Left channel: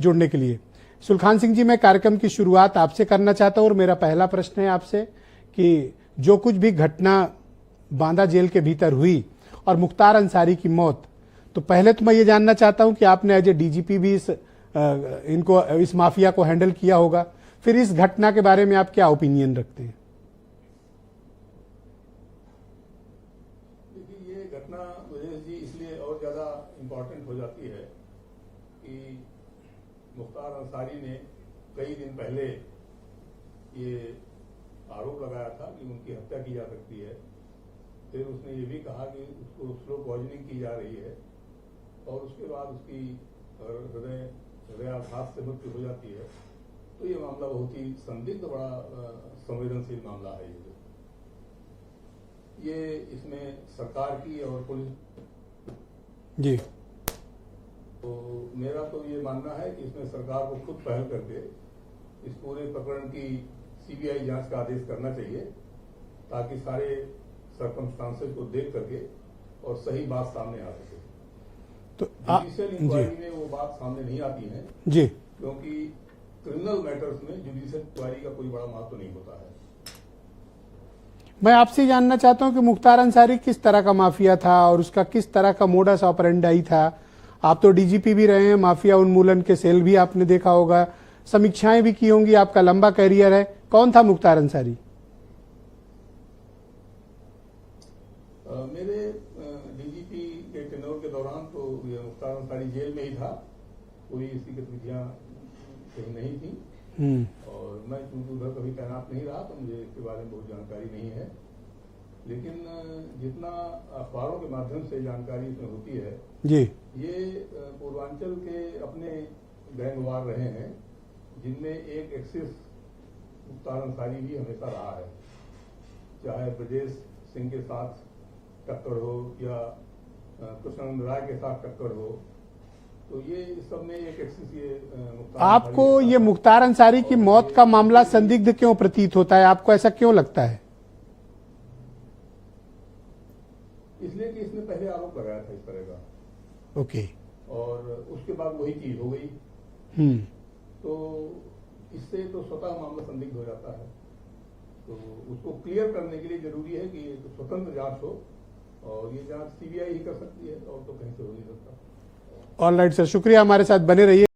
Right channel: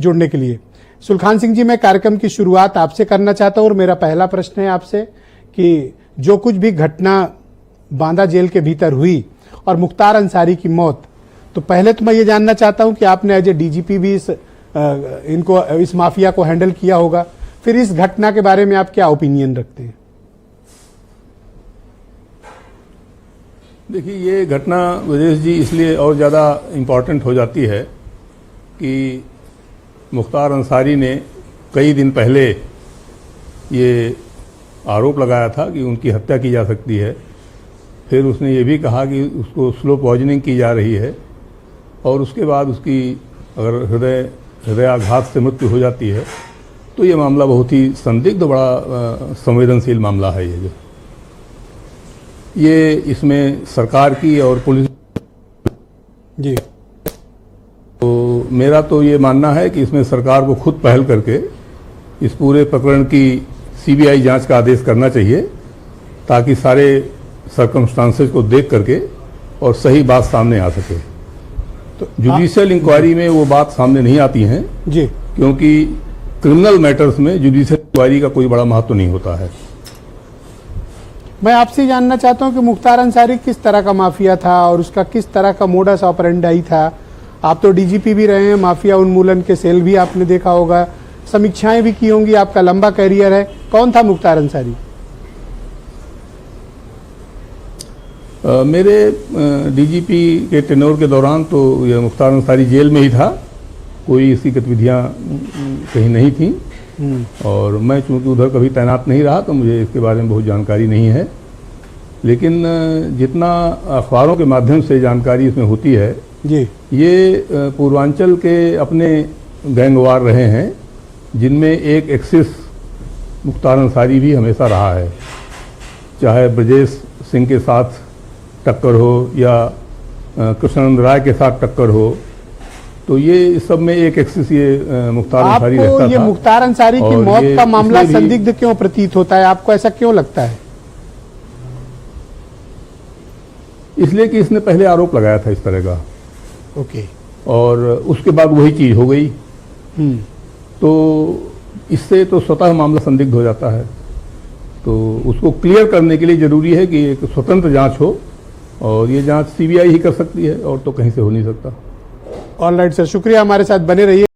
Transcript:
जुड़ने के लिए। सुलखान सिंह जी, मैं कार्यक्रम की शुरुआत आपसे करना चाहता हूं और मेरा पहला प्रश्न है आपसे कि जो कुछ भी घटना बांदा जेल के भीतर हुई और मुख्तार अंसारी की मौत, तो पहले तो मैं ये जानना चाहता हूं कि आपने एज ए डीजीपी भी इस माफिया को हैंडल किया होगा, फिर इस घटना के बारे में आप क्या ओपिनियन रखते हैं? देखिए, ये घटना ब्रजेश जी इसलिए और ज़्यादा इम्पॉर्टेंट हो जाती है कि मुख्तार अंसारी ने कई दिन पहले ये आरोप लगाया था कि उनकी हत्या की जा सकती है। फिर उसने ये भी कहा कि उसको स्लो पॉइजनिंग की जा रही है और उसके बाद उसकी अगर हृदयाघात से मृत्यु हो जाती है तो ये मामला बहुत ही संदिग्ध, बड़ा संवेदनशील मामला है। ये इसमें सरकार की और पुलिस जी, तो मेरा तो ये मानना है कि इसमें सरकार को खुद पहल करके इस पूरे प्रकरण की सीबीआई जांच का आदेश करना चाहिए, ताकि सारे सर्कमस्टांसेस को देख करके और सही बात सामने आ सके। तो जुडिशियल इंक्वायरी में वो बात सामने नहीं आती है जी, क्योंकि क्रिमिनल मैटर्स में जुडिशियल इंक्वायरी का कोई बड़ा महत्व नहीं होता है। मैं आपसे जानना चाहता हूं कि मुख्तार अंसारी किस तरह का माफिया था और उसका किस तरह का मोडस ऑपरेंडाई था। आप तो डीजीपी भी रहे हैं, माफिया उन्मूलन के सेल भी आपने देखा होगा, समीक्षाएं भी की होंगी, आपका लंबा कैरियर है। कौन था मुख्तार अंसारी? मेरे डीजीपी के टेन्योर के दौरान तो यह मुख्तार अंसारी जेल में ही था, कोई इसकी गतिविधियां कहीं नहीं थी और मैं चूंकि उधर कभी तैनात नहीं रहा तो मुझे इसके बारे में बहुत जानकारी नहीं है। लेकिन जितना अखबारों के माध्यम से जानकारी इसमें होती है जी, ये पूर्वांचल के अपने गैंगवार रहे हैं, जिनमें एक एक्सिस मुख्तार अंसारी भी हमेशा रहा है। चाहे ब्रजेश सिंह के साथ टक्कर हो या कृष्णानंद राय के साथ टक्कर हो, तो ये इस सब में एक एक्सिस ये मुख्तार अंसारी रहता था। आपको ये मुख्तार अंसारी की मौत का मामला संदिग्ध क्यों प्रतीत होता है? आपको ऐसा क्यों लगता है? इसलिए कि इसने पहले आरोप लगाया था इस तरह का। ओके। और उसके बाद वही चीज हो गई, तो इससे तो स्वतः मामला संदिग्ध हो जाता है। तो उसको क्लियर करने के लिए जरूरी है कि एक स्वतंत्र जांच हो और ये जांच सीबीआई ही कर सकती है और तो कहीं से हो नहीं सकता। ऑलराइट सर, शुक्रिया, हमारे साथ बने रहिए।